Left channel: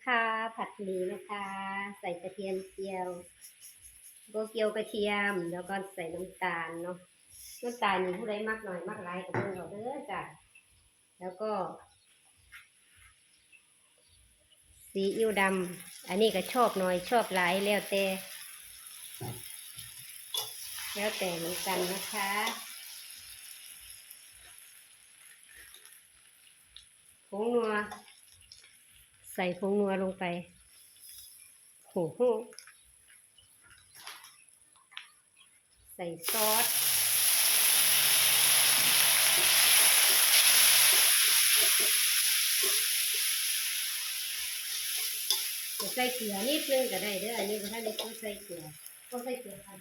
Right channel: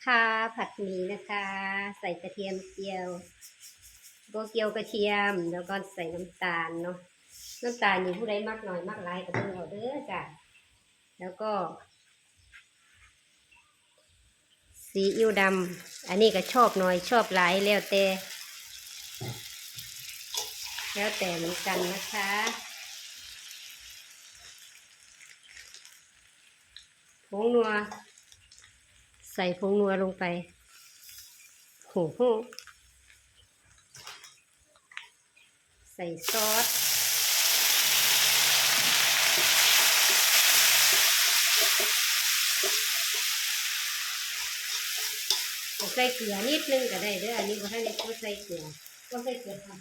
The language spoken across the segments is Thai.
นะคะ ผัดหมี่นะคะ ใส่กระเทียมเจียวโกเกียวกระเทียม แล้วก็ใส่น้ำตาลเนาะน้ำตาลนี่ผู้ใดมากหน่อยมากหลายก็เพิ่งเอาเด้อจ้ะแล้วก็ ซีอิ๊วดำอันนี้ก็ชอบหน่อยชอบหลายแล้วแต่แล้วแต่เหมือนกันนะคะผงนัว ส่ผงนัวลงไปโหโหใส่ซอส ใส่เกลือนิดนึงก็ได้เด้ออันนี้บ่ให้ได้ต้องใส่เกลือต้องใส่เกลือทำ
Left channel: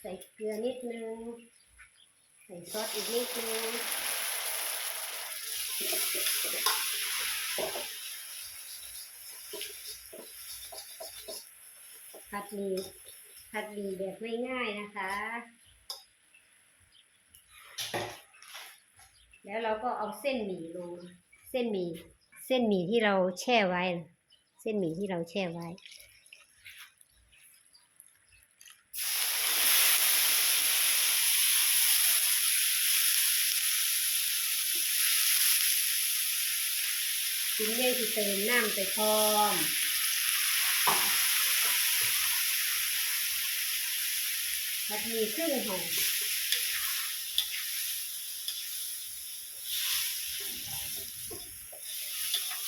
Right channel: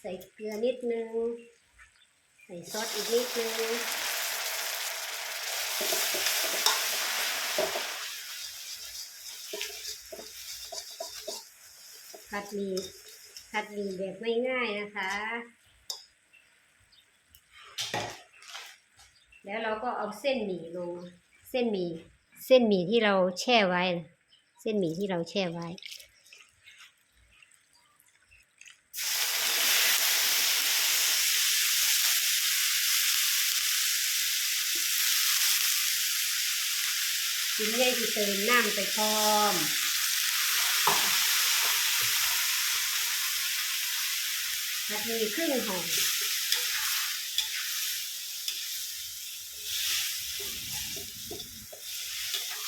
ใส่เกลือนิดนึง ใส่ซอสอีกนิดนึงผัดหมี่ผัดหมี่แบบไม่ง่ายๆนะคะ แล้วเราก็เอาเส้นหมี่ลง เส้นหมี่ เส้นหมี่ที่เราแช่ไว้ เส้นหมี่ที่เราแช่ไว้ กินได้ที่เติมน้ำไปพร้อมนาทีครึ่งหอม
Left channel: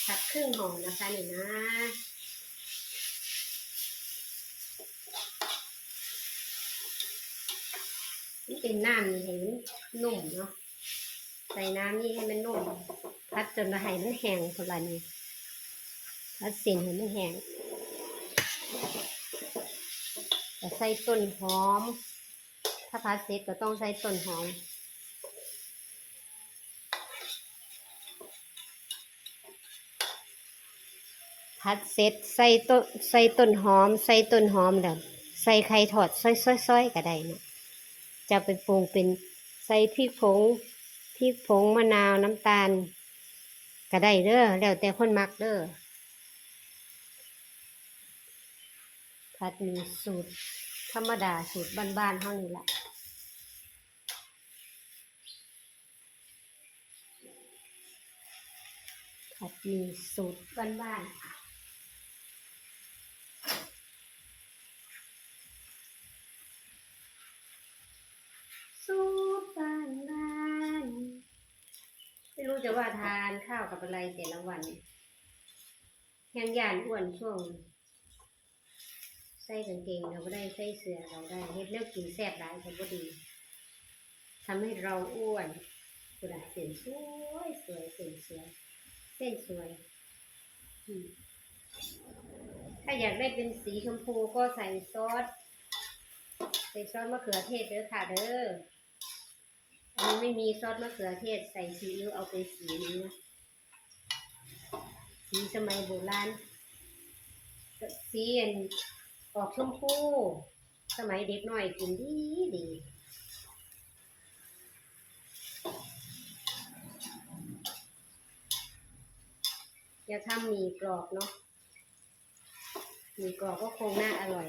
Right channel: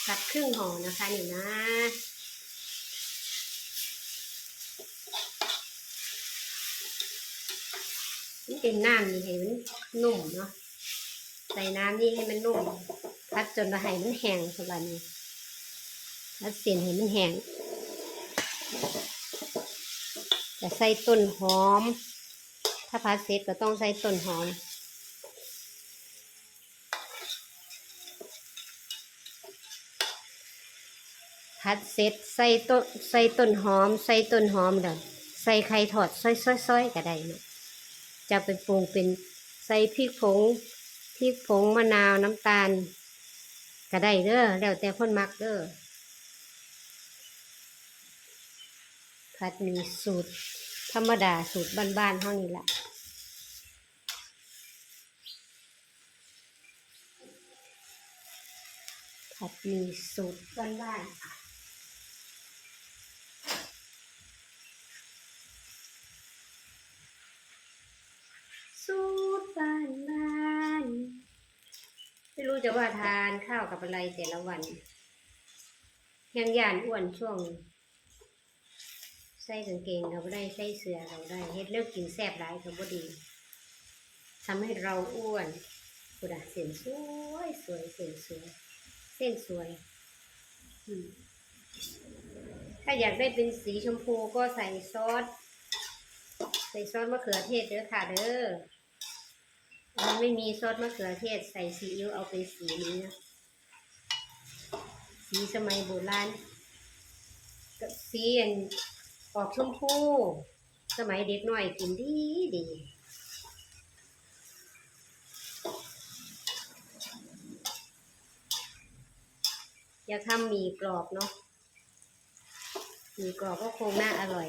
ผัดครึ่งหอมนะคะนี่นะนี่เป็นน้ำนี่ให้มันนุ่มเนาะใส่น้ำนี่ให้มันนุ่ม พัดจนไห้มันแห้งคนละนี้พัดเส้นให้มันแห้งจะใส่ต้นหอม ถ้าพัดเสร็จก็ต้องใส่ต้นหอมพัดเสร็จใส่ต้นใส่ต้นหอม ใส่ต้นหอมแล้วใส่ไข่ทอดซ้อยๆๆก็ได้นะจะไปปรุงเป็นใส่พริกผงพริกผงมะนาวน้ำตาล ก็ได้เด้อแล้วแต่คนมักเด้อผัดมีสูตร ธรรมดาสูตรบ้านๆเท่านี้แหละผัดมีสูตรบ้านๆ รู้จะว่าทานข้าวกับอะไรแต่ละวัน ยังยานอ้วนช่วง ใส่กางเกงเราได้ใส่เสื้อเราได้เฮ็ดเลิกกินแซ่บหลายก็บ่ดีทำให้เราอ้วนกุดาเส้นสวยสวยเส้นสวย เส้นสวย ถ้าอยากได้เป็นสีชมพูก็ใส่ซอส ใส่ซอสมะเขือเทศเด้อค่ะเด้อ มันไม่มีซอสมะเขือเทศใส่ซีอิ๊วเอาไปสีนี้นะสีสมัยโบราณสีอันออกชมพู สมัยเด็กหน่อยกินดีดีอยาทำหมี่กรอบเนาะหมี่กรอบก็คงน่าอร่อย